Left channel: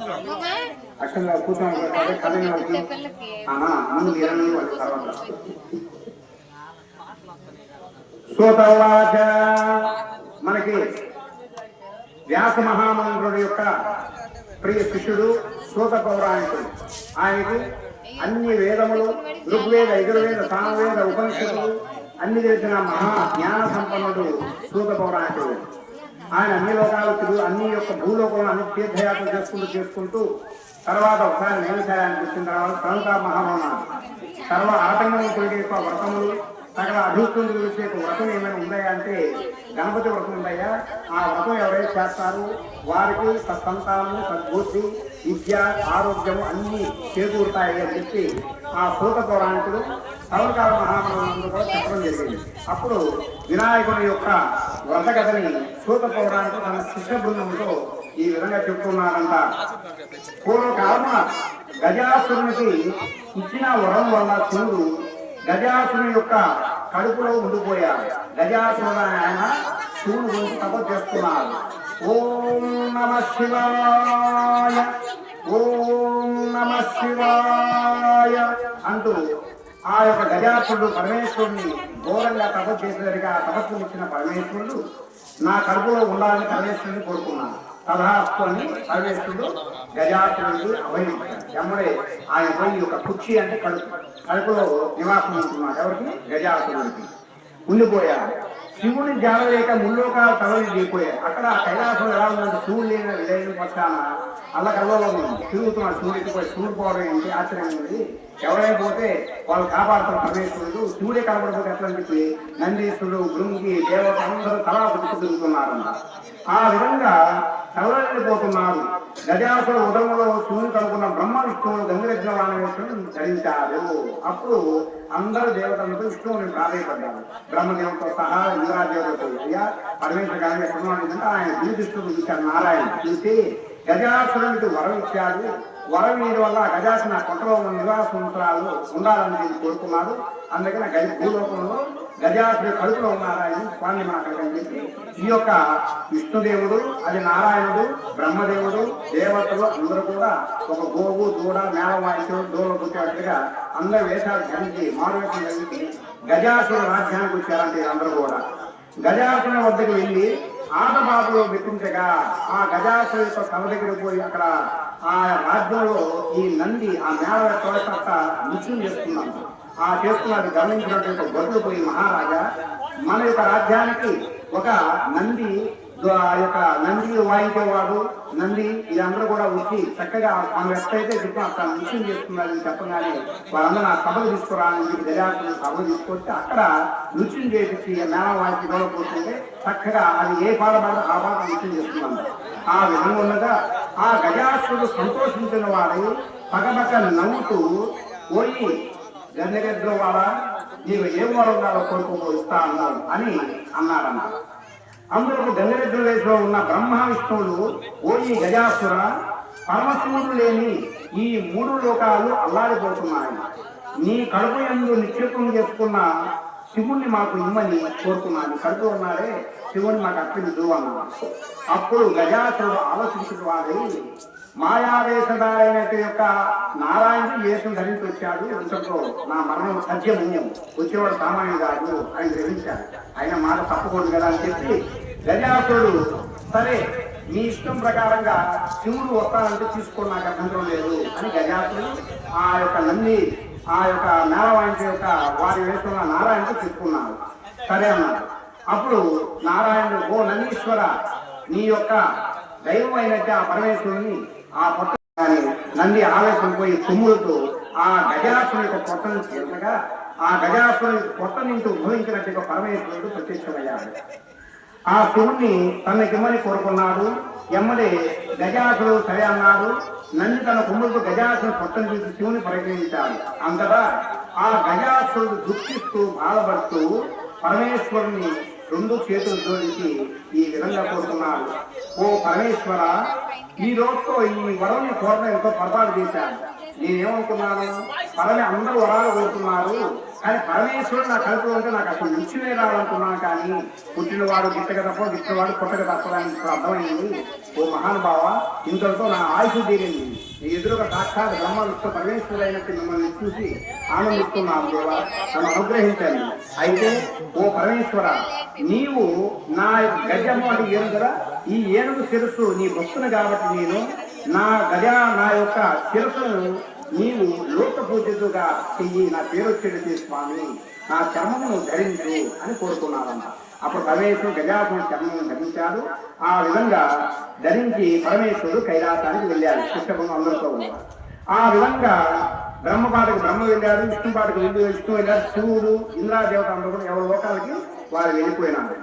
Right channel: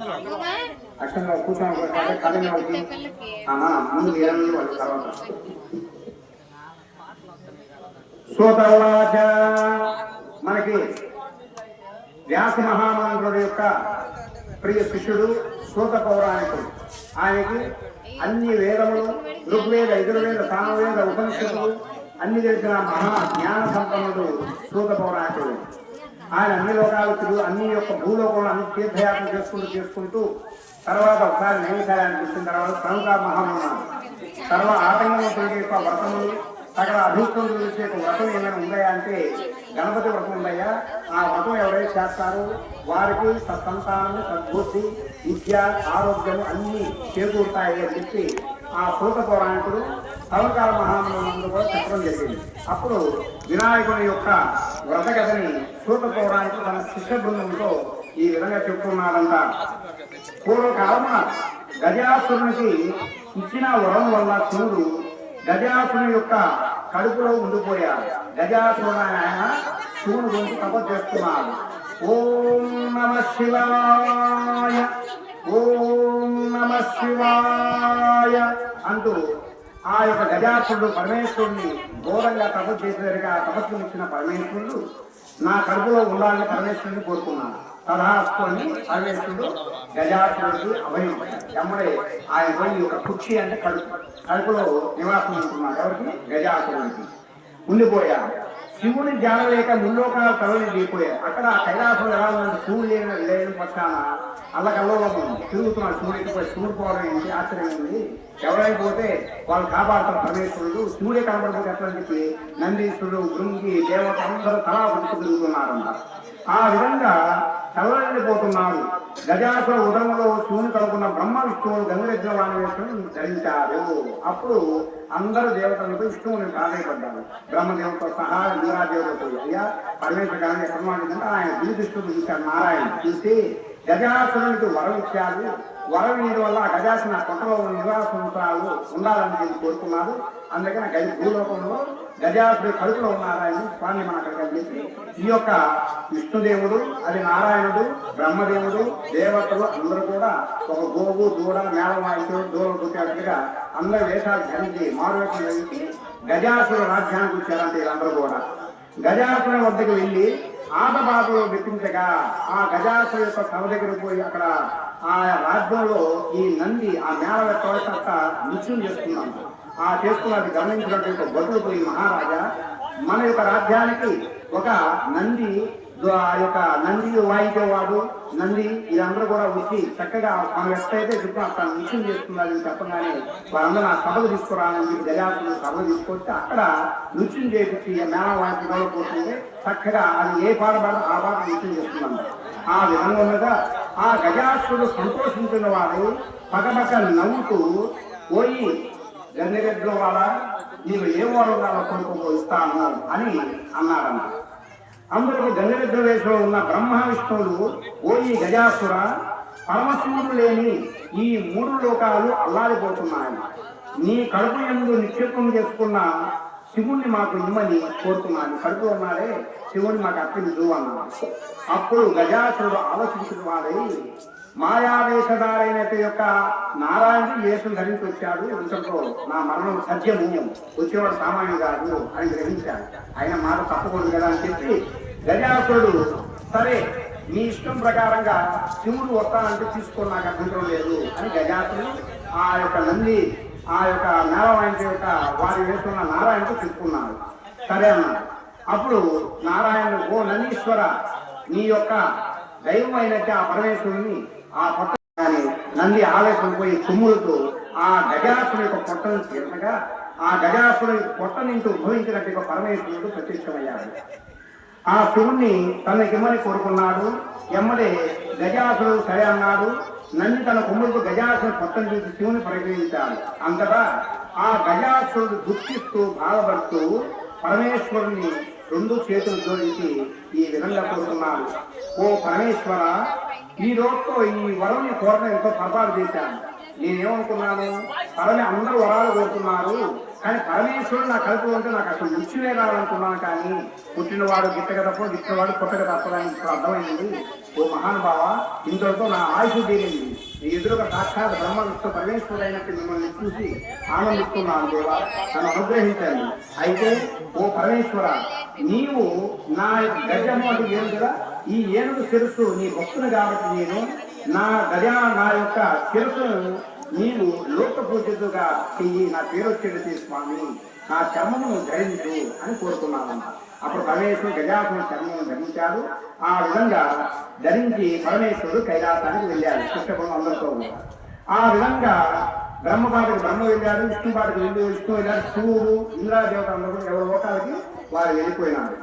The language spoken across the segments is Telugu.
అక్షరం కూర్చొని కథ అన్న ముందు ఇరవై వచ్చి తర్వాత మనకి వ్యాస మహామంత్రుడు యొక్క ప్రియ శిష్యుడు సూత పౌరాణికుడు. ఆయనకి అన్ని వేదములు ఋగ్వేద యజుర్వేద సామవేద ఉపనిషత్తులు అన్ని తెలిసిన మహా జ్ఞాన సంపన్నుడు సూత పౌరాణికుడు. ఆయన అన్ని లోకాలు తిరుగు అన్ని యొక్క భూలోకంలో అన్ని తీర్థయాత్ర చేసుకుంటూ చేసుకుంటూ తర్వాత ఒకసారి నైవేశాయానికి వచ్చిన తర్వాత ప్రముఖ మహామన సర్వ ఆటంకముల యొక్క వ్రతములు సకల అభివృద్ధులు గురించి ఒక వ్రతం ఏమైనా ఉందయా అంటే గణపతి వ్రతం ఉందయ్యా. ఆ వ్రతం ఎవరైతే చేస్తారు వారికి సత్సంతానము సద్బుద్ధి విద్య ఆరోగ్యం అన్నీ చేకూరుతాయి అని చెప్పి ఆ సూత పౌరాణికుడు సర్వకాల మహామనుడు కూడా చెప్పడం జరిగింది. అప్పుడు వినాయకుడి యొక్క వ్రత కథని తన శిష్య బృందంతో ఈ విధంగా చెప్పుకున్నారంట. పూర్వకాలన గజాసురునికి ఇచ్చిన వరం వల్ల శివుడు గజాసురుని యొక్క కడుపులో ఉండిపోయారు గజాసురుడు ఆయన శివుడు గురించి కథ చేస్తున్నారు ఓం నమ శివాయ. ఆ యొక్క గజాసుడు పరమేశ్వరుని ఘోరంగా తపస్సు చేసేసరికి ఆ తపస్సు ఇచ్చిన పరమేశ్వరుడు నా కడుపులో ఉండాలని పరమేశ్వరుని కోరుకున్నాను. తలహాసుకొని పరమేశ్వరుడు గజాసురుడు అభయం ఎమ్మడే ఆయన పోయి ఒక కుక్షి అంటే కడుపు. కడుపులో నివాసం ఉంటున్నాడు. ఎవరికి? గజాసురుడికి ఉండిపోయాడు. శివుని జానలేక ముల్లోకాలు తరలి దిగిపోయారు అక్కడ కైలాసం ఎలా ఉంది శివుడు లేని లేని పక్షాన అలా కలవడం తిరుగుతున్నాడు. సూర్యుడికి పోయి శివుడు పోవడం ఏంటి? ఆశ్చర్యం ఉంది. ఎవరైనా పోతే వాళ్ళు కాపాడుతున్న పరమేశ్వరుడు శివుడే కనబడకపోతే ఎట్లా చెప్పి నందీశ్వరుడు భృంగి దేవత అందరూ తలా పుట్టుకు తిరుగుతున్నారు ఆ విధంగా కలవలేకపోతున్నారు గజాసుర ఉదయంలో శివుని కనుకున్న బ్రహ్మ విష్ణువు గంగరెద్దుల వాణవేశ్వరుని ధరించారు. అప్పుడు అందరూ దేవతలకు విష్ణువుని ప్రాధాయపడ్డారు బ్రహ్మదేవుతో సహా ఇంద్రాదేవులతో అయ్యా పరమేశ్వర గారిని ఎక్కడ ఆయన దృష్టిని చూశారు. నారాయణ చూసి గజాసురునికి వరం ఇచ్చారు. వరం వల్ల గజాసిన గజాసుని కొట్టలో నివాసంతాలు ఉండాలని చెప్పి కోరుకున్నారు. అందుకని గజ భూలోకంలో గజాసుడి కడుపులో ఉన్నారాయణ స్వామి మాట్లాడని చెప్పి ఈ యొక్క విష్ణుదేవుడు అది నారాయణుడు బ్రహ్మదేవుడు దేవతలు అందరూ కూడా ఒక గోగు దూడ మేళ దూరం కూర్చోట్టుగా అందరూ వేషాలు ధ్యానించి మారువేషం కలిగి గజాసుర రాజ్యానికి వచ్చారంటే అందరూ కూడా. గజాసుర వద్దకు వెళ్ళి ఆటపాటలు మెప్పించగా ఆ గజాసు యొక్క సభ దగ్గర పోయి అక్కడ ఆ రాజ్యంలో ఈ నంది ఆ మేళ యొక్క నృత్యం చేస్తున్నాను. ఆ చేస్తున్నది గమనించినటువంటి బదులు పోయి మహారాజా మన యొక్క రాజ్యానికి ఒక నంది ఆ యొక్క నంది వాయించేవాడు నంది ఇదంతా కూడా వచ్చి చక్కగా ఆమె ఎక్కడైతే చెప్పి అక్కడ నృత్యం చేస్తున్నారని చెప్పగానే వాళ్ళందరూ ఆ సభకు తీసుకురావాలని చెప్పి గజాసులు సభలు తీసుకొస్తే అక్కడ నృత్యం చేపించి మేళ వాయించి పోతుంటే చక్కగా అది ఏ పాట పాట ఆ పాట నృత్యం చేస్తున్నాం ఆ విధంగా ఉండగా ఆ గజాసుడు సంతోషించిన వాడు పగపక్క నవ్వుతూ పోయి గన్నెరెద్దుల వాళ్ళ నీవు ఏ వారు కొడుకు ఇస్తాను? అని అన్నారన్న అందులో గన్నెరెద్దుల ఉన్న బ్రహ్మ విష్ణువులు ఓయి గజాసుర పరమశివుడు లేని ఈ మూడు లోకాలు అల్లాడిపోతున్నాయి నీ కడుపు ఎందు నిక్షేపం చేసుకున్న శివుణ్ణి మాకు ఇమ్మని కోరుతున్నాను. కడుపు అన్నారే శివుని మాకు అర్పించు అన్నాడు. అప్పుడు గజాసుడు ఆలోచించిన వాడై మాయావేషధారైన యొక్క నారాయణుడు యేసును ధరించి వచ్చాడు. ఇంతలో నా మరణం సత్యము వచ్చేవాడు సామాన్యం కాదు అని గ్రహించాడు. ఆయన మాట తప్పకూడదు కదా అని చెప్పి గజాసురుడు సరే మీ ఇష్టం ప్రకారంగా శివుడు ఒక్కనంటే తీసుకొని నాకు అభ్యంతరం లేదు అని గజాసుడు ఆ యొక్క నంది ఆ యొక్క నారాయణ యొక్క వారి వేసుకున్న నారాయణకు తీసుకున్నాడు సరే అన్నాడు అప్పుడు నారాయణుడు ఓ నందీశ్వర నీ యొక్క దైవం అయినట్టు ఆ పరమేశ్వరుని ఆ పక్క నంది ఆవేశం పోయి తుమ్ములతో ఆ గజాసుని యొక్క పొట్టను చేరగా ఆ గజాసుని పొట్ట నుంచి ఉద్భవించినట్టుగా పరమేశ్వరుడు ప్రత్యక్షమయ్యాడు ఆ శివుణ్ణి తనకిమ్మని కోరుకున్నాడు. ఎమ్మడే గజాసుడు సరే అన్నాడు. నన్ను తన కొమ్ములకు గజాసుడు పక్కన చూసి శివుని పరిగణించాడు. అంతటా ఆ గజాసుడు దుఃఖిస్తూ బాధపడుతూ పరమేశ్వరుని రెండు చేతులు జోడించి ఈ విధంగా కోరుకున్నాడు. ఓ పరమేశ్వర ఈ రోజుతో ఈ వరం కోరడం ఎంతో పొరపాటు చేశాను. నేనేమనుకున్నాను పరమే అందరూ వరాలు కోరుతున్నారు. కానీ పరమేశ్వరుడు నాకు కలుపుకుంటే నాకు అసలు నిత్యమే రావాలనుకున్నాను కానీ పుట్టినవాడు గిట్టక తప్ప గిట్టినవాడు పుట్టక తప్పడానికి అర్థమైంది. ఓ మహానుభావ ఇంతటితో నా ఆయుషు తీరింది. నీ ఎదురుగా సాక్షాత్ బ్రహ్మ విష్ణు పరమేశ్వరుడు అయినట్టు మిమ్మల్ని చూసి ఆనందిస్తున్నాను దేవా. నన్ను అనుగ్రహించాను అయితే ఓ పరమేశ్వర నీవు నా గజం వంటి ఏనుగు కదా ఈ ఏనుగు శిరస్సు నీ భక్తుని కాబట్టి నేను నా గజా నా యొక్క శిరస్సును నీవు లోక పూజగా చెయ్యి. నా పేరు వచ్చేది స్వామి. నా చర్మమును ధరించు అని కోరుకున్నాను అప్పుడు పరమేశ్వరుడు గజాసుని చర్మమును ధరించాడు. ఆ విధంగా ధరించి పరమేశ్వరుడు కైలాసానికి వెళ్ళాడు. కృష్ణపురం అందరితో ఆ విధంగా బ్రహ్మపాటకు బ్రహ్మ వెళ్ళారు విష్ణుపాటకు వెళ్ళి విష్ణు వెళ్ళారు శివుడు ఇంద్రాదేవత అందరూ ఎవరి లోకాలకి వారు వెళ్ళిపోయినారు.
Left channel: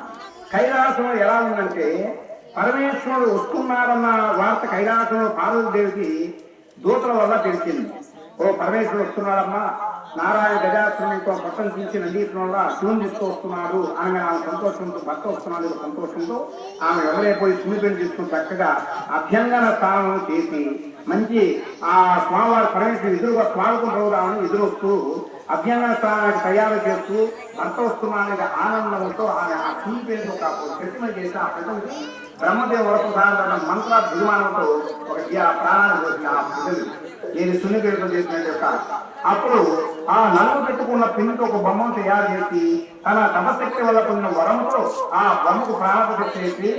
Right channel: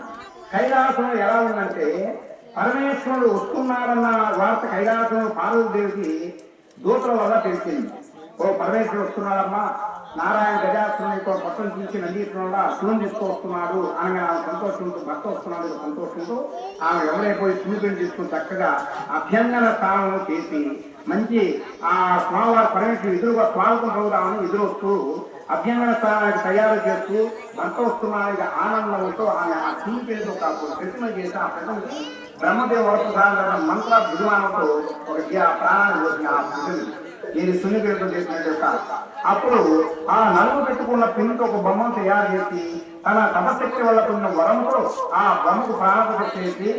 కైలాసం ఎలా ఉందంటే పరమేశ్వరుడు వస్తున్నారన్న వార్త కైలాసంలో పార్వతీదేవికి దూతల వల్ల తెలిసింది. ఓ పరమేశ్వరుడు వస్తున్నారమ్మా నారాయణ గజాశ్రమంతో పట్టం తీసి నందీశ్వరంలో శివుని తీసుకొస్తున్నారు ఆమె ఆమె సంతోషంతో భర్త వస్తున్నాడు సంతోషంతో ఆమె ఎవరైపోయి శివుని తీసుకుని చక్కగా అభ్యంగన స్థానం చేసి మంచి ఆ స్వామివారి పరమేశ్వరుడు ఎదురుగా స్వాగతం పౌరామని ఎదురొస్తూ అభ్యంగన స్థానానికి తయారు చేస్తూ వంట వస్తున్నానికి ఆనందంతో ఆయన ఆ శివుని పేరు ఒక ప్రతిమ చేసి ఆ ప్రజలకు బ్రహ్మదేవ వరకు మంత్ర విమానంతో ఒక జీ- ప్రాణాలు పోసిన ఆ ప్రజలు. నేను సున్నిపేటలో చేసిన యొక్క అప్పుడు ఆ నలుగు పెట్టుకున్న పిన్నుకు ఒక బొమ్మను తయారు చేసి తన తపశక్తి వల్ల ఉన్న వరంతో ఆ బొమ్మకు ప్రాణప్రతిష్ఠ చేసి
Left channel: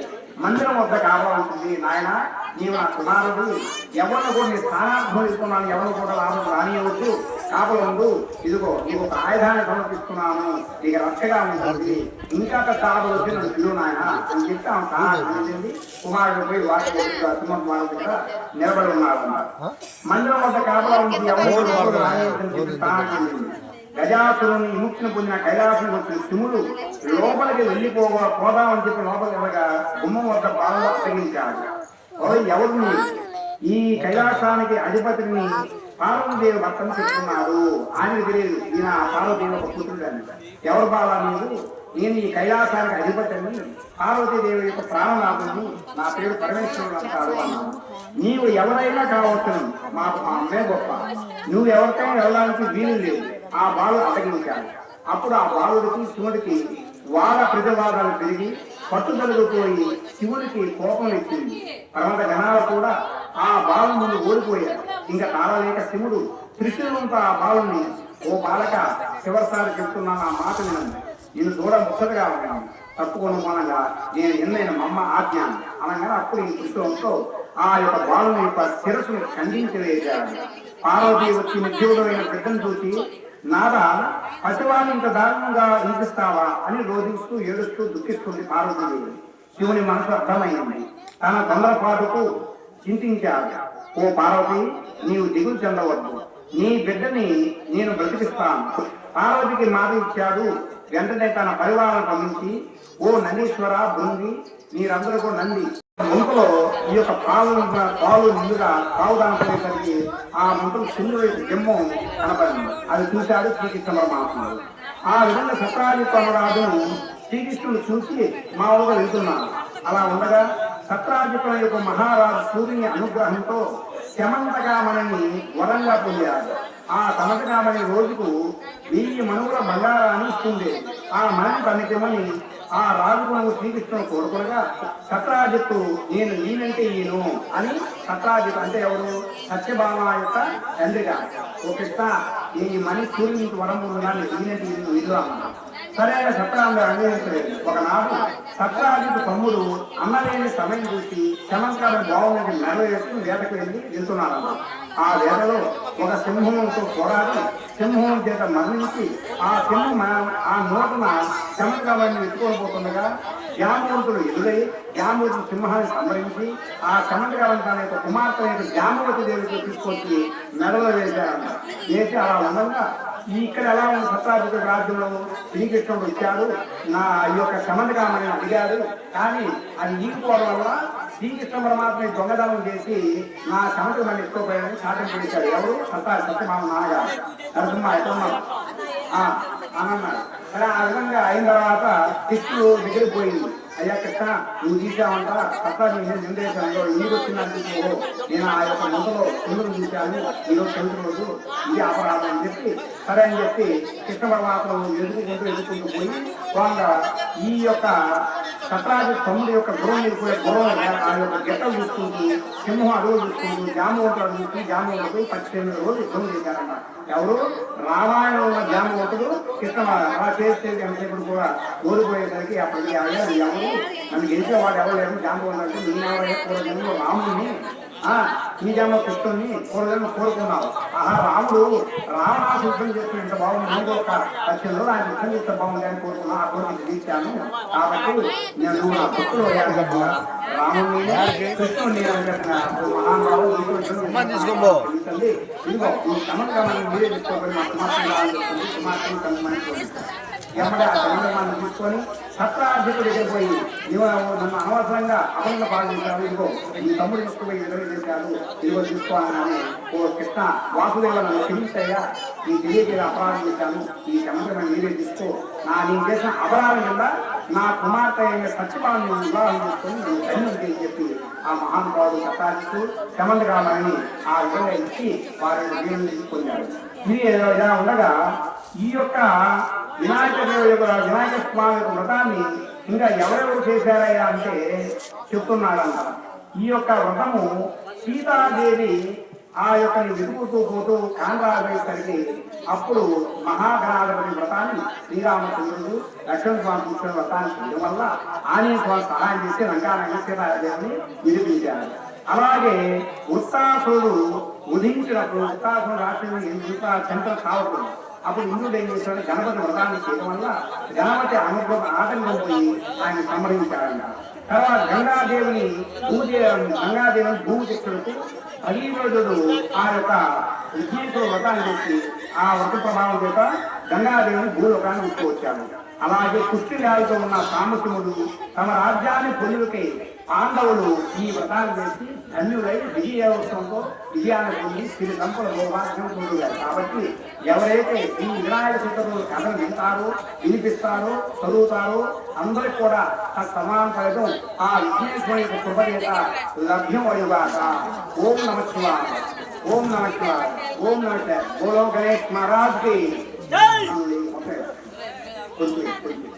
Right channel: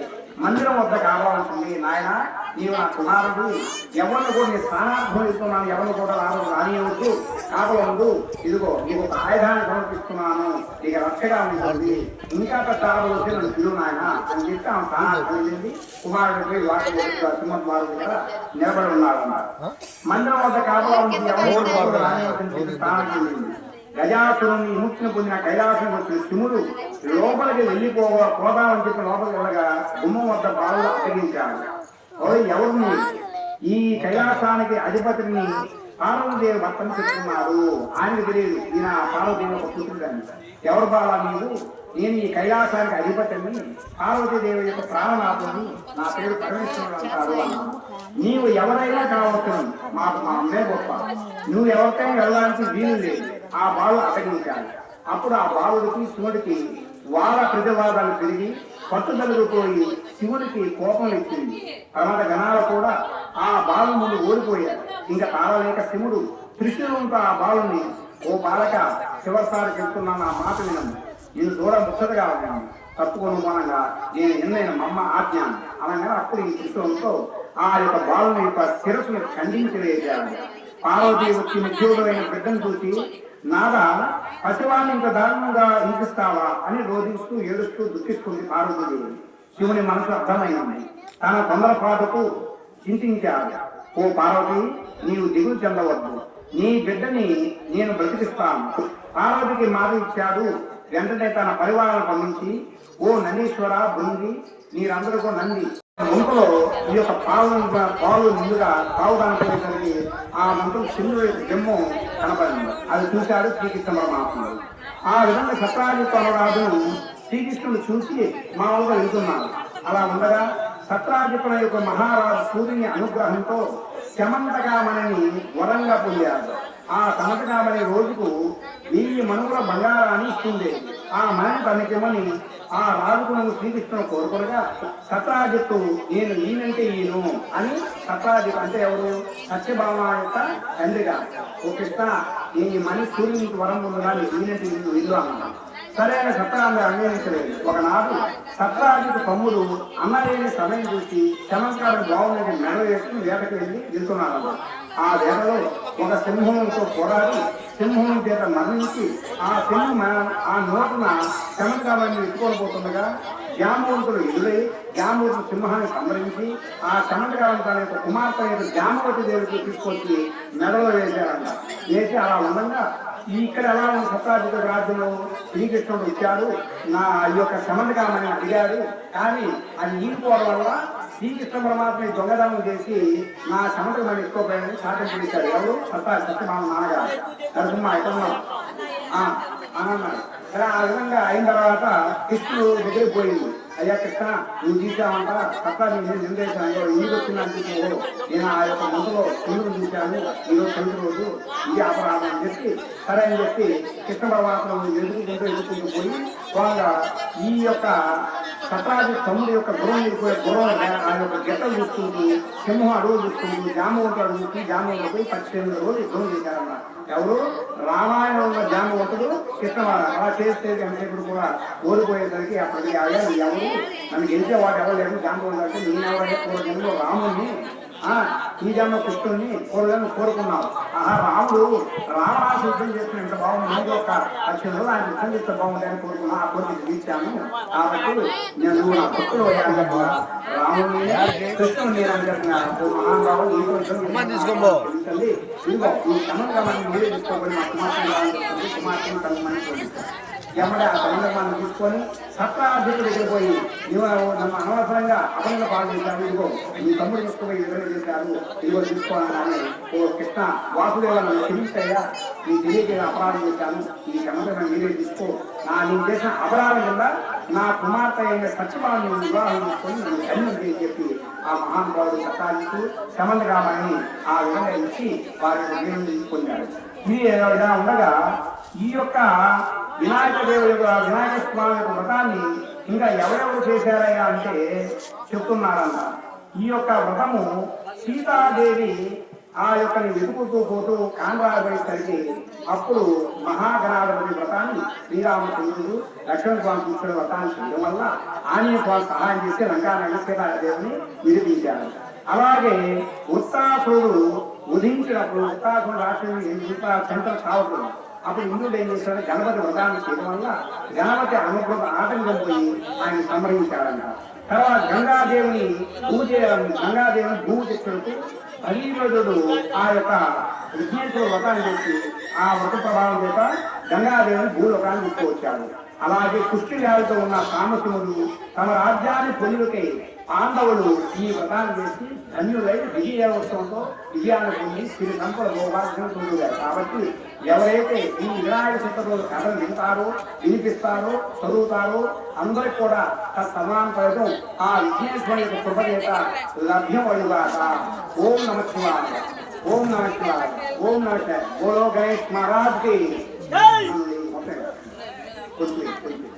మందిరం వద్ద కావాల్సింది నాయన. నీవు ఆ కుమారుడు ఎవరిని కూడా నీ స్థానార్థం ఇస్తున్నాను ఎవరిని కూడా లాభం రానియవద్దు. కాకముందు ఇదిగో నీకు ఒక ఆయుధాన్ని సమర్పిస్తున్నాను. నీకు రక్షగా ఉంటుంది. ఇంకా తాగవలసి నన్ను పిలువు నాయన. అని చెప్పి ఆమె స్థానార్థం వెళ్ళింది కుమారుడు పోయి వాటి సింహకుమారుడు దగ్గర నిలబడి ఉన్నాడు అన్నారు మందిరం వద్ద కూడా రానియవద్దని స్థానానికి వెళ్ళింది గజాసురుని విముక్తిని పొందిన కైలాసం వచ్చిన శివుడు లోపలికి వెళ్ళిపోగా పోదామని చెప్పి లోపలికి వెళ్ళగా గుమ్మం వద్ద బాగా అప్పగించాడు. ఓయ్ ఎవరు నీవు? ఈ కైలాసానికి అధిపతిని పార్వతీదేవి భర్తను చెప్తున్నాడు. ఆయనకు తెలియదు. ఈయన పార్వతీదేవి ఒక పుత్రుడు అని. ఎవరు బాలా నేను ఈ కైలాసానికి అధిపతిని పార్వతీదేవి యొక్క ప్రాణనాథుని. నా పేరు పరమేశ్వరుడు అంటారు. నీవు ఎవరైనా కావచ్చు. మాకు మా అమ్మే గొప్ప. నువ్వు ఎవరికైనా వెళ్ళడానికి వీలు లేదు. ఆ బాలు అటగించాడు అప్పుడు ఆ బాలుడికి శివుడికి వార ప్రతివాదాలు పెరిగి పట్టుబడిపోయి శివుడికి కోపం ఇచ్చింది తర్వాత గణాలు కూడా ఆ బాలు ముందు ఓడిపోయారు. ఇంకా తాళలేక శివుడు త్రిశూలంతో ఆ బాలుని ఓ బాలక చివరిసారి చెప్తున్నాను ఆ మాట వినండి. నేను దూరం ముచ్చటగా ఉన్నాను. తప్పుకొని మనంగా నేను ఎన్నైన మమ్మ ఆజ్ఞ అనగా అప్పుడు ఈ త్రిశూలంతో ఆ యొక్క బాలుని యొక్క శిరస్సును ఖండించి వేశాడు. పార్వతి వచ్చి నిత్యుడైన బిడ్డను చూసి నాగా పశువాన్ని ఇంత దారుణంగా హింసిస్తావా? అని రోధిస్తూ ఏడుస్తూ దుఃఖిస్తుంది పార్వతీదేవి. శివుని మనసు అర్థమైనది తన తొందరపాటుకు చింతించాడు. ఓ పార్వతి నీవు దిగులు చెందవద్దు. నీ బిడ్డని నేను బ్రతికిస్తాను. పార్వతికి మాట ఇచ్చాడు. వెంటనే తన పరివారాన్ని పంపించి ఓ నందీశ్వర బృంది మీరందరికీ నంది ముందులో ఈ యొక్క పాలు పాలు ముందుగా పావు దానిపోయేసరికి ఆ మంత్రం చిన్న జమ్ము కనపడింది. అది చూశాడు శ్రీకృష్ణ పరమాత్ముడు. ఆ విధంగా సత్రాజిత్తును శ్రీకృష్ణుడు చూసి మామూలుగా వెళ్తున్నాడు. అలా ఉండగా సత్రాజిత్తుల యొక్క మహారాజు సూర్యుని అనుగ్రహంతో శమంతకామణిని వరంగా పొందారు ఆ సమతకామణి రోజుకు వెయ్యి మనుగుల బంగారాన్ని ఇస్తుంది ఆ మణి పనికిమని ఆ రాజుకులను శ్రీకృష్ణుడు కోరుకునగా సత్రాజిత్తు నేను నేనంటే ఈయను అని సత్రాజిత్ అంటే ఎవరు? సత్యభామ యొక్క తండ్రిగా. ఓ కృష్ణ ఈ మని సూర్యునికి వరం ఉందా నేనంటే ఈయన విధురా సరే అని సత్రాన్ని అంగీకరించలేదు. ఒకనాడు సత్రాజిత్ తమ్ముడు అన్నలేని సమయం చూసి చమత్కారం బాగుందని నెరవేర్చుకుని వేటకు వెళ్ళి వెళ్తున్నాడు ఆ వేటలో ఒక సింహంతో పోరాడి సింహం చేత మరణించి ఆ సింహం ఆ నోటున శ్రమకాలాన్ని ఎత్తుకోబోతుంది కదా జామవంతుడు ఎదురై జామవతి సింహాన్ని సంహరించి ఆ చమత్కారం తన యొక్క కుమార్తె యొక్క జామవతి దేవికి తీసుకొచ్చి మెడలో వేశారంట వేసి అలా ఉండగా ఇక్కడ ఎలా ఉన్న సత్తాధిక రాజ్యంలో శ్రీకృష్ణుడు ఇచ్చాడు నా ఈ యొక్క సమంతకాలని అడిగాడు కానీ అది ఈగిపోవడం వల్ల శ్రీకృష్ణ పరమాత్మని దొంగదనం చేసి నా సమంతకాన్ని ఎక్కువపోయాలని సాధన చేశాడు ఎవరు? సత్తా సత్యమాన నాగా నరసింహ అన్నాడు అలా ఆ విధంగా అయిన తర్వాత కృష్ణుడు దగ్గరికి పోయింది అయ్యా కృష్ణ నువ్వు చూసావంట తప్ప నేను నిందేశాను? నీరు వచ్చినందుకు నేను ఆ యొక్క ముందులో చంద్రుడు చూశాను ఈరోజు చంద్రుడు. ఇది అపరాధం అని చెప్పి సరే అని చెప్పి కృష్ణ పరమాత్మ ఎదుర్కొంటూ ఎదుర్కొంటూ పోయి ఈ యొక్క సత్రాజు తమ్ముడు యొక్క గురం వెళ్ళిపోయే గురం ఆ యొక్క గెట్ట చూసుకుంటూ సింహం అడుగు చూసుకుంటూ జామవంతుడు చూసి జామవంతుడు పద్దెనిమిది రోజులు యుద్ధం చేశారన్నమాట. ఎవరు? రామాయణంలో జామవంతుడు కృష్ణవాడు అలా చేస్తే ఎంతసేపు కూడా ఓడిపోయేసరికి అప్పటికి అయ్యా ఎవరు నన్ను గెలిచేవాడు ఎవరు లేరు జామవంతుడు నేను ఎవరైనా పూర్వజన్మలో జన్మ కృష్ణుని పూర్వజన్మ కోరుకున్నావు. ఆహా రాముడు రావణాసు యుద్ధం చేసినంత బాగుంది నీకు ఒక లక్షణంలో ఆయన యుద్ధం చేస్తే బాగుందని కోరుకున్నా ఆ కోరిక తీర్చాను. కాబట్టి నేను నా భక్తులు అయ్యాను అని చెప్పిన తీసుకోబో. తల్లి, ఇదిగో ఈ సముద్రాన్ని మీరే తీసుకోగలిగిన సమాచారం సమాచారం కలిగినటువంటి ఎమ్మడ సంగమాన్ని తీసుకొని సత్తార్థుడు దగ్గర పోయి నన్ను అనవసరంగా అదనంగా పాల్గొంటారు ఇదిగో ఈ తమ్ముడు ఎక్కువ విడుదల చేశారు. ఇదిగో తీసుకోవాలని ఓ కృష్ణ వాసుదేవ నన్ను క్షమించాయా నీ తెలియక అపరాధం చేశాను. ఈ సంగతి మీరే తీసుకో. నా నేను చేసిన అపరాధం కింద నా కుమార్తె అయిన సత్యభావం వివాహం చేసుకొని నేను ధన్యం చేసి చెప్పి ఆ మహానుభావుడు చట్టానికి సంబంధ కావాలని ఆ విధంగా ఇచ్చి వారిని నిర్ణయం తీసుకున్నాడు. ఇది ఇలా ఉండగా ఈ యొక్క వినాయక దేవుడి యొక్క వినాయక స్వామి యొక్క వ్రతాన్ని ఇంకా ఎవరెవరు చేశారయ్యా అంటే చెప్తున్నాడంట ఈ యొక్క వ్రతము సీతాదేవి ఆ యొక్క వెతుకుతూ పోతూ కాంగావేసరికి అప్పుడు మహాగణాధిపతి వ్రతాన్ని శ్రీరామచంద్రుడు లక్ష్మణ స్వామి తీసుకునే వ్రతాన్ని చేయడం వల్ల ఆంజనేయ స్వామి సహాయం చేసి రంగారాయణ సీతాదేవిని విడిపించారు. అలాగే ఉత్తాసుడు ఉదించినప్పుడు ఉత్తాసుడు రాష్ట్రం చంద్ర సాగుతుంది అప్పుడు ఇంద్రుడు ఏం చేశాడు? గణపతి వ్రతాన్ని చేయడం వల్ల గణపతి అనుగ్రహం ఆటంకం పోయి ఆయన సంహరించాడన్న తర్వాత గంగాదేవిని పూజ గంగాదేవిని భూమి చెప్పుడుతూ భగీరథుడు ఆ యొక్క విజయేశ్వర వ్రతాన్ని చేసి ఆ వ్రత ప్రభావం చేత గంగాదేవిని భూలోకాన్ని తీసుకువచ్చాడు. అలాగే కుష్టి రాజుతో ఉన్న కామసుముడు తన రాజ్యాన్ని పొందుకై పాండవులు ఈ వ్రతాన్ని చేసి ధన్యులై విజయోత్సవంతో విజయాన్ని పొంది సంపద భోగాలను పొందారు కాబట్టి ఎవరైతే ఈ వినాయక చతుర్థి కథను వింటారో వినిపిస్తారో చదువుతారో అందరికి కూడా సమాన ఫలితం ఆ విజయేశ్వరి యొక్క కృప చేత లభ్యమడుగాక ఓం నమ శివాయ. ఓం నమ శివాయ. ఓం నమ శివాయ. గణేష్ మహారాజ్కి. కొంచెం, కొంచెం.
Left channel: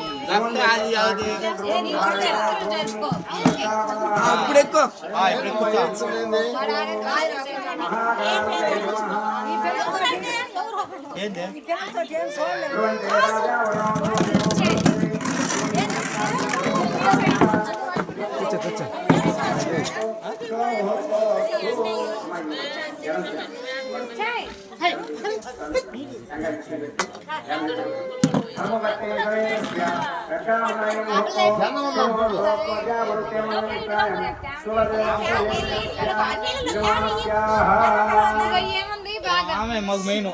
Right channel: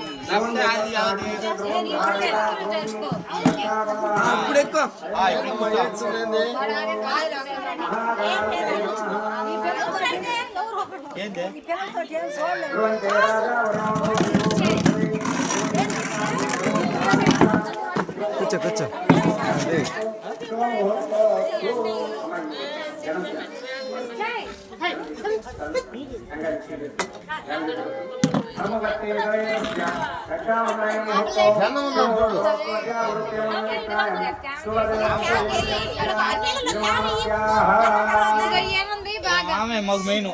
అప్పుడు ఎక్కువ కూర్చో కూర్చో ఆమె మాకు మెయిన్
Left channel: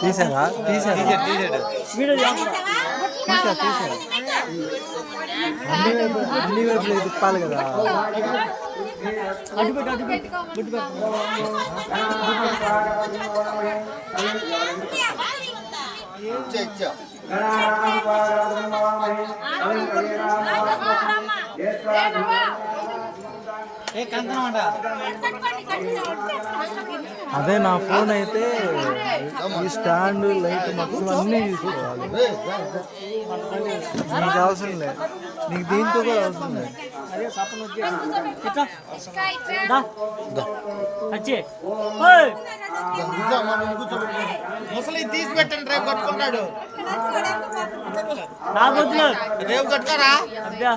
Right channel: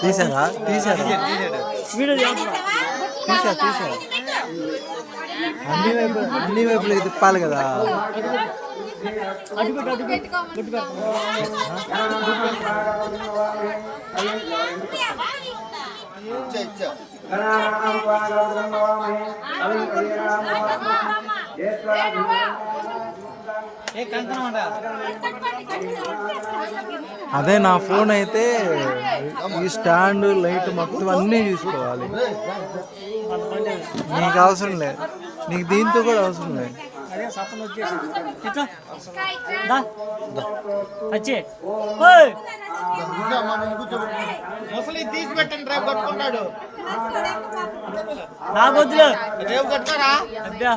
తీసారా తీసారా తీసా తీసా అన్ని వైపు అన్ని వైపులు తిప్పాలి కదా జ్యేష్ఠ అదే నా ఫోన్ అయితే ఈ స్టాండ్ లైట్ మొత్తం అన్నీ తీసుకోవాలి. నీకు అవసరం లేదు. నీకు దీంతో కూడా అవసరం లేదు. ముసలి తీసి పెట్టండి రేపు కట్టుకున్నాడు నాకొద్దులే. రేపు కట్టుకోరా? అబ్బా.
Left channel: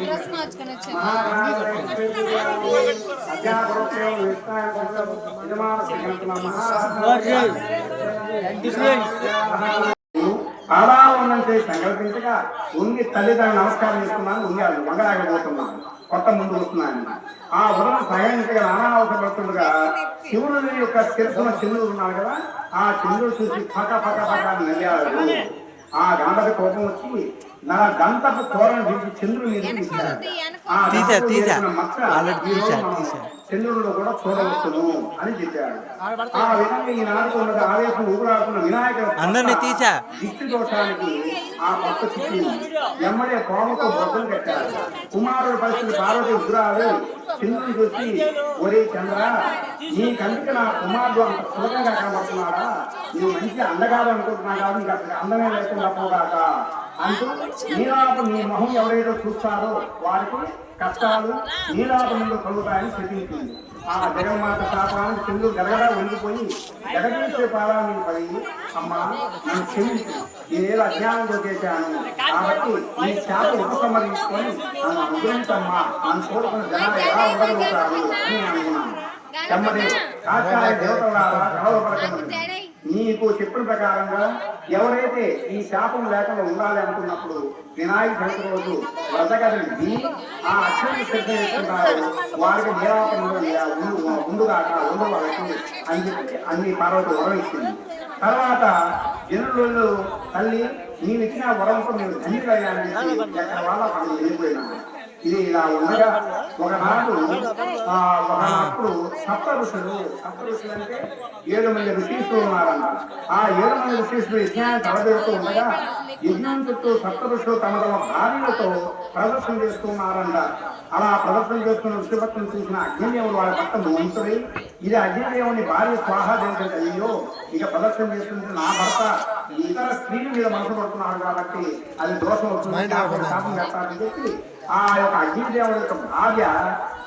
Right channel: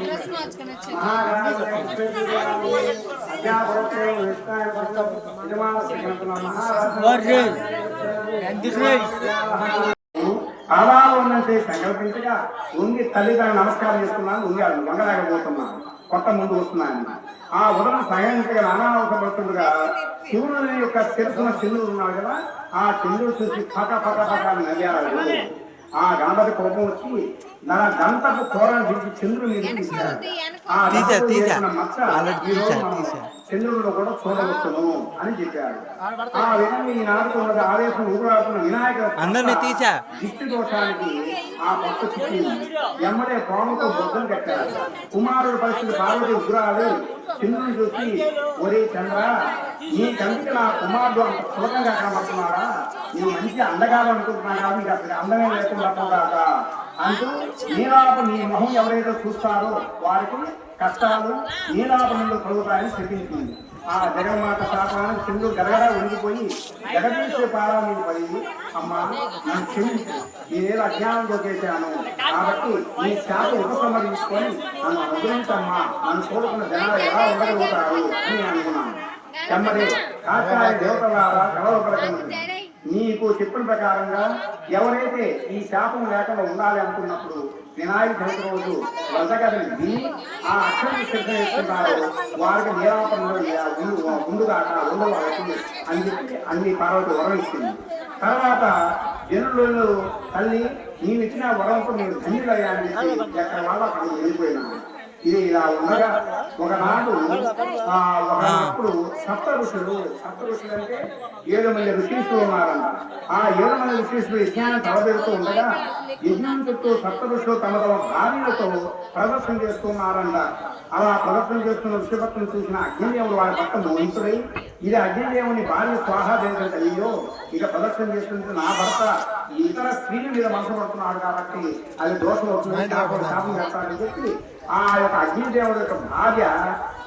డ్రెస్ మార్చుకొని వచ్చి అలా ఉన్నంత సంకల్పించగా ఉంగి తల్లిదండ్రులు నమస్కారం చేస్తున్నాను ఉంగి అది వంగరాకపోతున్నాను కొత్త ముందు వస్తున్నాను ఆ ఉదయం సహాయించగా నానావసరపడుతుండగా శివుని యొక్క శిరసున చంద్రుడు ఉన్నాడు కదా ఆ చంద్రుడు చూసి పట పట పట అని ఆ గంటకు కోపం వచ్చి నా గంటకు కూరను తీశాడు. ఆ తీసా, తీసా. ఆల్రెడీ తీసా. చంద్రుడిలో కూడా చూడవచ్చును అని చెప్పాడు ఆ విధంగా ఈ నాటుకున్నది ఆవేశం ఊరాకున్న వినాయక అందరినీ తీసా దిష్టి దోషానికి ఆ పక్క చుట్టూ ఎమ్మడే పాముతో బొద్దలు కట్టారు కుమారుడు పరిస్థితి పార్వతి ఉగ్రాలు చంద్రుని చూసి ఒరే చంద్ర నీ కంటికి నా కుమారుడు అంత సులభంగా కనబడుతున్నాడా? నీ మంచి అందగాడు అనుకుంటున్నాడా ఇంకా అక్కడ అందమే లేకుండా పోగాక అంటూ నీలాపు నీ మొహం ఎవరైతే చూస్తారో వారికి కష్టాలు నీలాప నుండి కలుగుతాయని చెప్పించింది. ఆ జగన్మాత శాపానికి చంద్రుడు గడగడా వండిపోయి జగదీశ్వర పాదాన్ని పడి అమ్మా నన్ను క్షమించు. నేను అజ్ఞానంతో చేశాను. కాబట్టి నీ శాప ఉపసంహరించుకొని నన్ను వదిలించమ్మా? నన్ను కోరుకున్న జనాలు ఎలా ఉండగలుగుతారు? అని అనుకున్నాను వెంబడి కాకాయ దేవత ద్వారా నీకు చెప్పిన ప్రకారంగా ఎవరైతే ఈ శాపం లేకుండా ఉండాలి అనుకున్నప్పుడు వినాయక చవితి రోజు వద్దగదండి ఆ అక్షరం సిద్ధ చేస్తున్నారు వారికి నిరాపణలో ముందుగా ఉండవచ్చు అని చెప్పి అన్ని పార్వతి వరం ఇచ్చింది. తర్వాత జనులు తల్లి నీవు ఇచ్చిన వరంతో నేను ధన్యులయ్యానని చెప్పి ఎక్కడ వాళ్ళ అక్కడ వెళ్ళిపోయినాను ఇది ఇలా ఉండగా ఒకనాడు ఆ, ఒకప్పుడు సప్త ఋషులు సప్త ఋషులు అంటే ఏడు మంది ఋషీసులు ఉన్నారంట ఆ ఏడు మంది ఋషీసులు యజ్ఞాన్ని తలబెడుతూ ఉండగా యజ్ఞం చుట్టూ సప్త ఋషులు తమ తమ భార్యలతో ప్రదర్శన చేస్తున్నారంట అలా ప్రదర్శన చేస్తున్న ఋషిభక్తులు చూసిన అగ్నిదేవుడు వాళ్ళ పట్ల మోహితుడై ఇది అగ్నిదేవుని భార్య స్వాహాదేవుడు అయ్యో ఇక ప్రదర్శన చేస్తుంటే నా భర్త. ఇతర స్త్రీల మీద మనసు పడుతున్నాడు కాబట్టి అది దోషం శాపం చేస్తాడని చెప్పి ఆ యొక్క అగ్నిదేవుడు యొక్క భార్య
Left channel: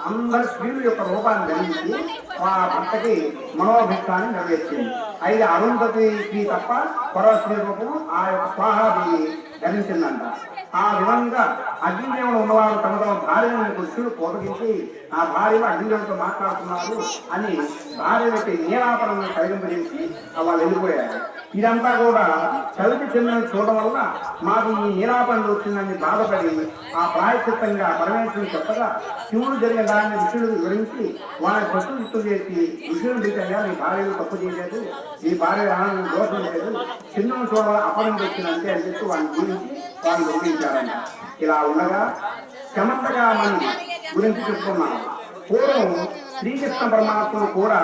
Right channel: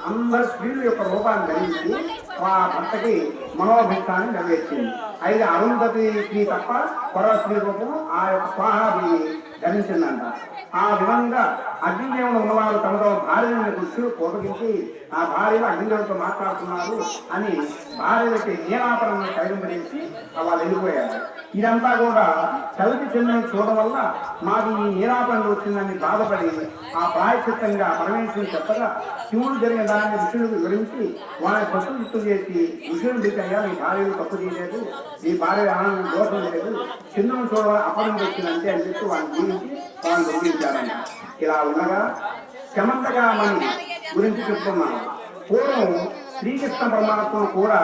అందరి స్త్రీల యొక్క రూపాన్ని ధరించి ఆ భర్తకి మనోభక్తాన్ని నెరవేర్చింది అయితే అరుంధతి స్త్రీ తప్ప పొర స్త్రీ రూపము ఆ యొక్క స్వాహాది గణించిందంట ఆ విధంగా అగ్నిదేవులు ఉన్నవారు తమ తమ భార్యను దృష్టిని పోతగించి ఆ భార్య అగ్నిదేవులతో మాట్లాడుతున్నారు అని భార్య యొక్క నీరాపణను పరిగణించి వాళ్ళు వెళ్ళిపోయారు. ఇదంతా కూడా కలిపి చెందిన చూడడం వల్ల మాకు ఈ నీరాపణలు వచ్చిందని బాధపడి ఆ ప్రాయచిత్తంగా పరమేశ్వరుని చెప్పగా శివుడు జరిగిన దాన్ని విష్ణుడు వివరించి వాళ్ళని తప్పు గుర్తు చేసి విష్ణుడు దిగ్గగా మీ భార్యలు తప్పు చేయలేదు ఈ భార్య ఆనందం దోషం లేదు. చిన్న చూడ అపరం వచ్చిందంటే అని చెప్పి వాళ్ళని గురించి వాళ్ళు గుర్తించారంట ఇలా ఉండగా శమంతగా మనం గురించి చెప్తున్నాం పూర్వం శ్రీకృష్ణ పరమాత్మ కూడా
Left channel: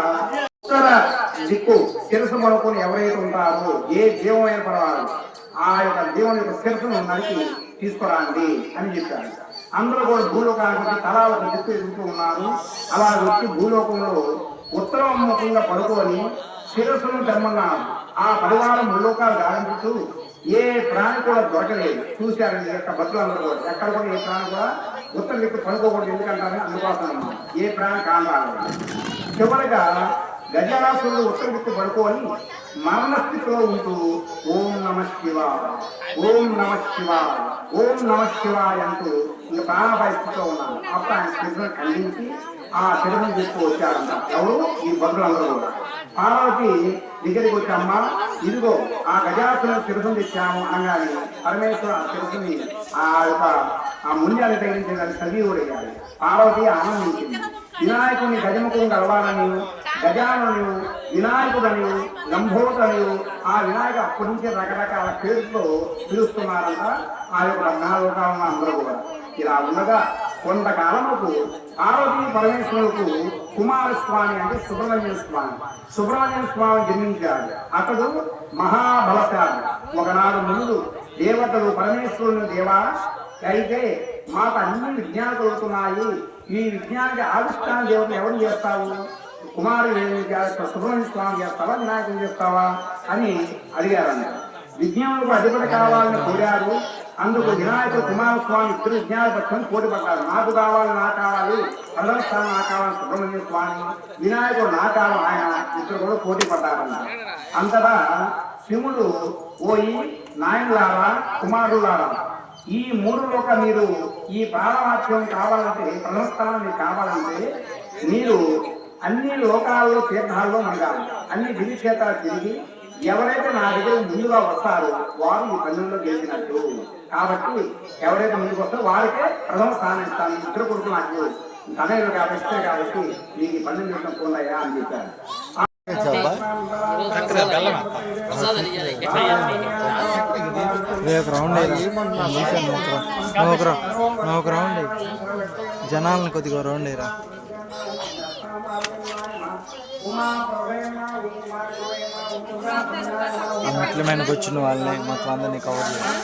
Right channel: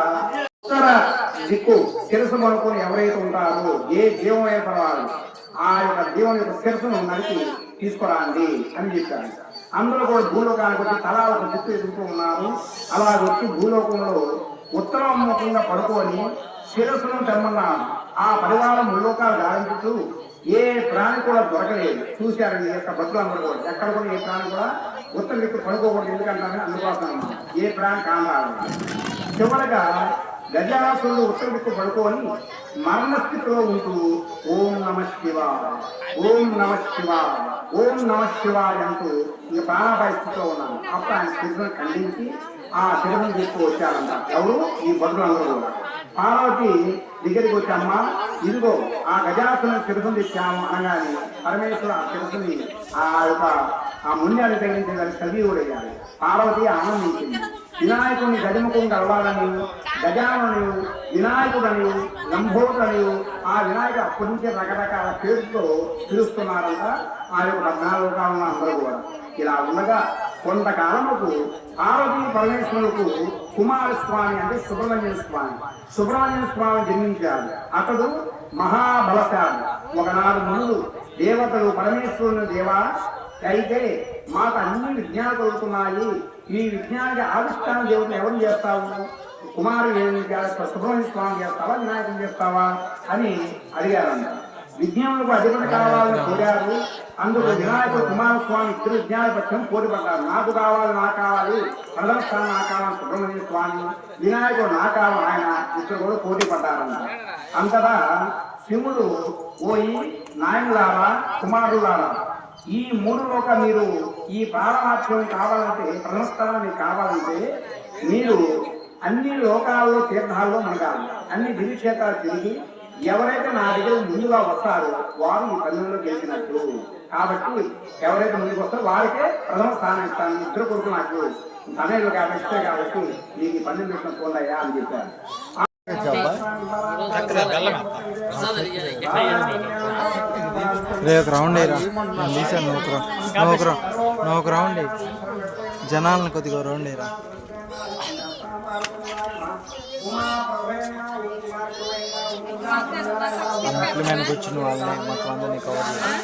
ఉత్తర దిక్కు శిరసు పడుకుని ఎవరైతే ఉంటారో ఏ జీవం ఏర్పడాలో ఆ యొక్క జీవం యొక్క శిరసును మనకి తీసుకురండి అని చెప్పారు. అందరూ కూడా భూలోకానికి వచ్చి తలా ఒక దిక్కు ఎదుగుతూ ఉన్నారు. అలా వచ్చి భూలోకంలో ఉత్తరముఖంగా పడుకొని శిరస్సును తెమ్మన్నారు ఆ పరివారం ముల్లోకాలు గాలించుతూ ఏ ప్రాణి కూడా దొరకలేదు. చూశారు యొక్క భక్తులు ఎక్కడ కూడా ఏ ప్రాణి కూడా ఉత్తరం దిక్కు పడుకోకూడదు ఎందుకంటారని అందుకోసం ఏ ప్రాణి కాదు చివరగా గజాసురుడు ఉత్తర దిక్కు పడుకోని మరణస్థితిలో ఉంటూ ఓం నమ శివ ఓం నమ శివ ఓం నమ శివ అంటూ ఈ ప్రాణాపాయ స్థితిలో ఉన్నాను అప్పుడు ఆయన స్థితిని ఖండించి ఆ శిరని చెప్పు వచ్చారంట ఎవరు? ఈ భక్తులందరూ కూడా పార్వతి దగ్గరికి వచ్చామ్మా ఇదిగో ఆ గజాసున శిరసుని తెచ్చాను అనగానే పరమేశ్వర ఆ శిరసుని ఆ యొక్క ఆ ముండాలు తగిలించిన సజీవుడయ్యాడు పార్వతి ఆనందించింది. వినాయకుని గజముఖం కలవాలని గజానని వినాయకుడని లంబోదని ఆ వినాయక అప్పటి రకరకాల పేరుతో పిలుస్తున్నారంట. ఆ యొక్క జ్ఞానలోకాలను అందరూ కూడా. ఇలా ఉండగా కొంతకాలముకు ఆరోగ్య పరమేశ్వరులకు కుమారస్వామి అంటే సుబ్రహ్మణ్య స్వామి. సుబ్రహ్మణ్య స్వామి జన్మించాడు అతడు మహాబలశాలి. ఒకనాడు ముందు దేవతలు పరమేశ్వరుని దేవా అయితే మాకు అన్ని విజ్ఞానం కలుగుతున్నాయి. ఈ విజ్ఞానానికి ఆవిష్కరణ దేవతను ఎవరు చేస్తావు కుమారుడు సుబ్రహ్మణ్య స్వామి చేస్తావా? వినాయకుని చేస్తావా? అని అడిగారంట. విజ్ఞానులకు అధిపతి కావాలని కోరారు. అందుకు వినాయక కుమారస్వామి ఇద్దరు విజ్ఞానపక్షం పోటీ నాకు కావాలి నా కావాలి. ప్రథమ స్థానం కావాలి సుబ్రహ్మణ్య స్వామి. వినాయకుడు నా కావాలి ఆయన ఇద్దరు కూడా పోటీ పడ్డారన్న అంతటా శివుడు పోయి నాయనులారా కుమారులారా ఈ మూడు లోక మీరు ఈ ప్రాణవాక్యం కావాలంటే ప్రథమ స్థానం మీకు కావాలంటే మీరు అన్ని లోకాల్లో తీర్థాల్లో మునగాలి అన్ని దివ్యక్షేత్రాలు తిరిగి ఎవరైతే నా దగ్గర ముందుగా వస్తారో వారు ఈ పనుల్లో గెలిచినట్టు. కాబట్టి ఎవరైతే ముందుకు వస్తారో వారికే ప్రథమ స్థానం ఇస్తాను. ఇద్దరు కొడుకు నాకు తనయులు కాబట్టి కాబట్టి మీకు ఈ పన్నెండు నిమిషం పోలయ్యా అని చెప్పారు. రే ఒక రౌండ్ అయ్యరా నేను తీసాను నువ్వు ఒక రౌ- నువ్వు ఒక రౌండ్ జనాలను కొద్దిగా రౌండ్ అయ్యరా మెట్ల వచ్చిన వాళ్ళని మొత్తం అందరినీ కవర్ చేయాలి.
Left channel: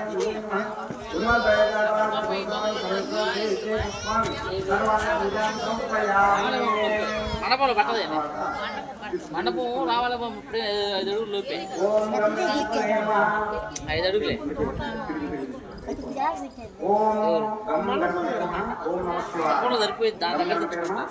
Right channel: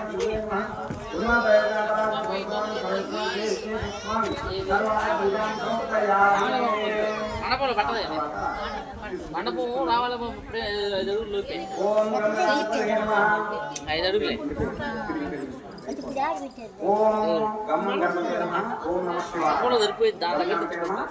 మండపంలో పట్టదే మండపం రావాల ఐదు అడుగులు లోపే. ఐదు అడుగులే ఓం గం గణపతి నమః ఓం నమః శివాయ మండపంలో సరిపోయింది దాని దగ్గర తెచ్చుకుంటా.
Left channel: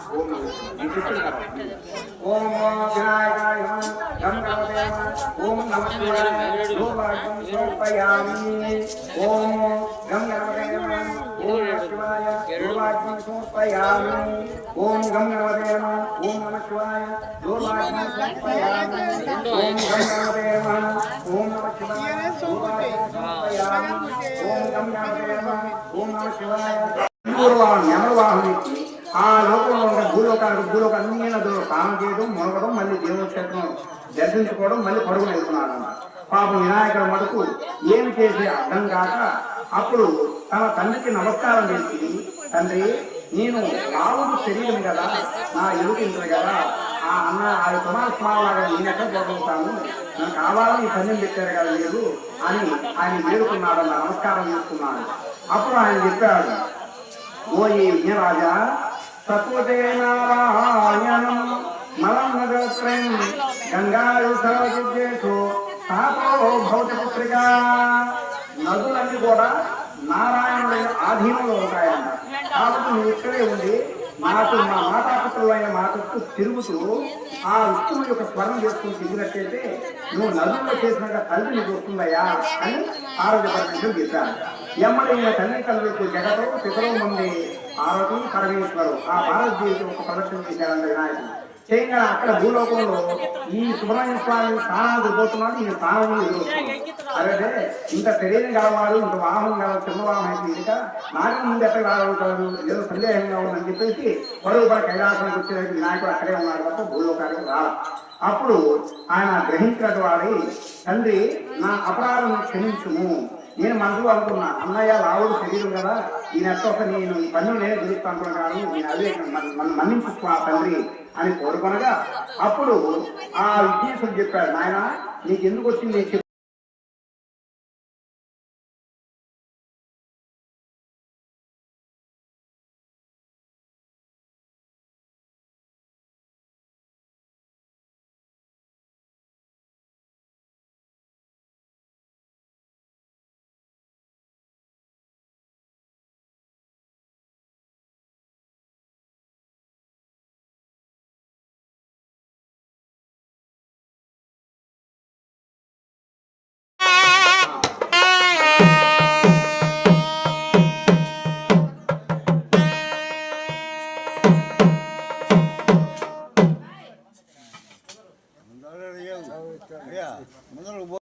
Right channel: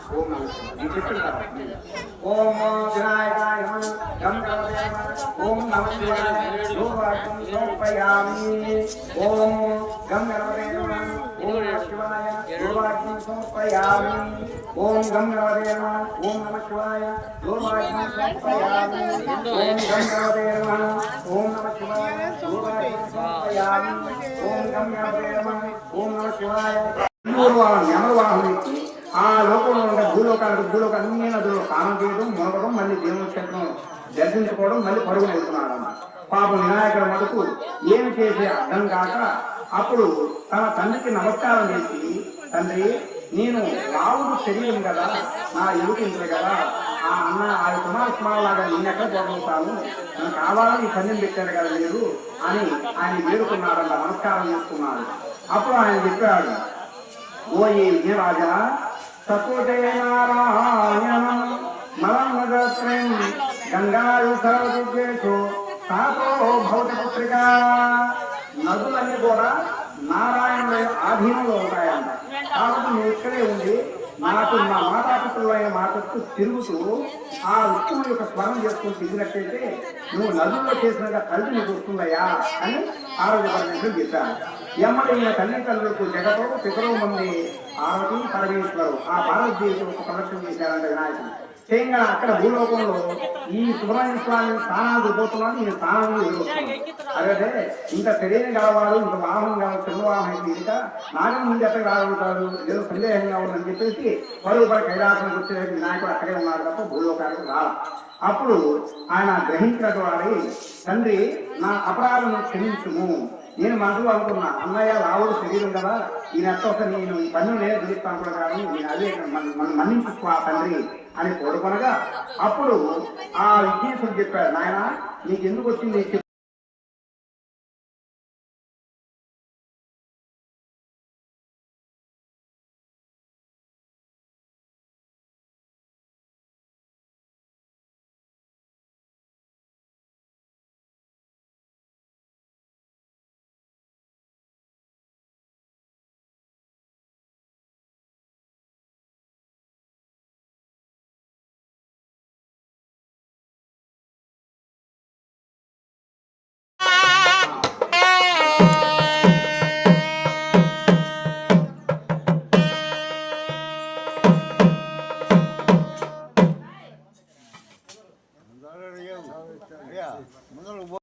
ఓం ఓం శివాయ ధూపరాజం సమర్పయామి ఓం గం ఓం శివాయ ధూపరాజం సమర్పయామి ఓం ఓం నమః శివాయ. ఓం శివాయ ఓం ఆ లోకంలో ఉన్న భూలోకానికి భూలోకాన్ని అన్ని స్నానం చేయడం మొలగడం మళ్ళీ దేవుని క్షేత్రం దర్శించుకోవడం మళ్ళీ పడుగు వెళ్తున్నాడు పాపం వినాయకుడు మటుకు ఏమి చేసే అర్థం కాక అప్పుడు తన తండ్రికి నమస్కారం చేసి తండ్రి నేను రావుడు శరీరం కదా నా ఎదుటింది కదా ఆ అన్న ఆ కుమారస్వామిలాగా నేను ఎక్కడ పోగలుగుతాను నాకు కావాలని ఈ కన్యం పెట్టారు కదా లేదు అని ఆయన వేడుకున్నాడు అలా నమస్కారం చేస్తున్నాడు. అప్పుడు ఆయన చెప్పాడు ఓ ఈ విజయరాజా సకృతే నారాయణం మలమగత్రం గంగారు సరస్వతేషు సాతో భౌతపుత్రిక నదులన్నీ కూడా నారాయణుల ఆధీనంలో ఉంటాయంట. కాబట్టి నువ్వు ఇక్కడే ఉంది మాకు మా మాతాపితరులైన మా చుట్టూ తిరుగుతూ ఆ ఉత్తమ యొక్క స్వరం చేసుకుని తిరిగినట్టయితే నువ్వు నదుల్లో చేసినట్టు తల్లి నీకు వస్తుందయ్యా అని ఆరోగ్య పరమేశ్వరుడు చెప్పారు. ఎమ్మడి ఈయన తల్లి తల్లికి జగతో పితరు ఉంది ఆరోగ్యం పరమేశ్వరు ఆ భారతదేశం ఒక ప్రదర్శన చేశారంటే వినాయకుడు. చేయగా అక్కడ భూలోకంలో ఈ సుబ్రహ్మణ్య స్వామి స్థానానికి పోతున్నాడు స్థానాలు స్థానం అదే ఇంకా తెలియని కావాలి ఇంత వాహనం కావాలి చంద్రవాహనం అయితే ఇంకా నాగం ముందు ఎక్కడ కాగలుగుతాడు ఏదో సందేహంగా ఉందని చెప్పేసి మరో పర కైలాసం వచ్చే వినాయకుడు అక్కడే ఉన్నారు తప్ప భూలోకానికి రావాలి అప్పుడు ఆయన గ్రహించిన వాడి తండ్రి నా అపరాధం క్షమించుము. నేను మనసు అనుకున్నా అన్నయ్య రావుడు శరీరం కదా ఈయన ఎట్ట నేను ఈ పని నేను పిలుస్తాను నేను అదే మనం మన్నించు తండ్రి అని కోరుకొనగా అప్పుడు ఆ విజ్ఞేశ్వరుడు చెప్పాడు నాయన నీకు ఎందుకు వచ్చింది?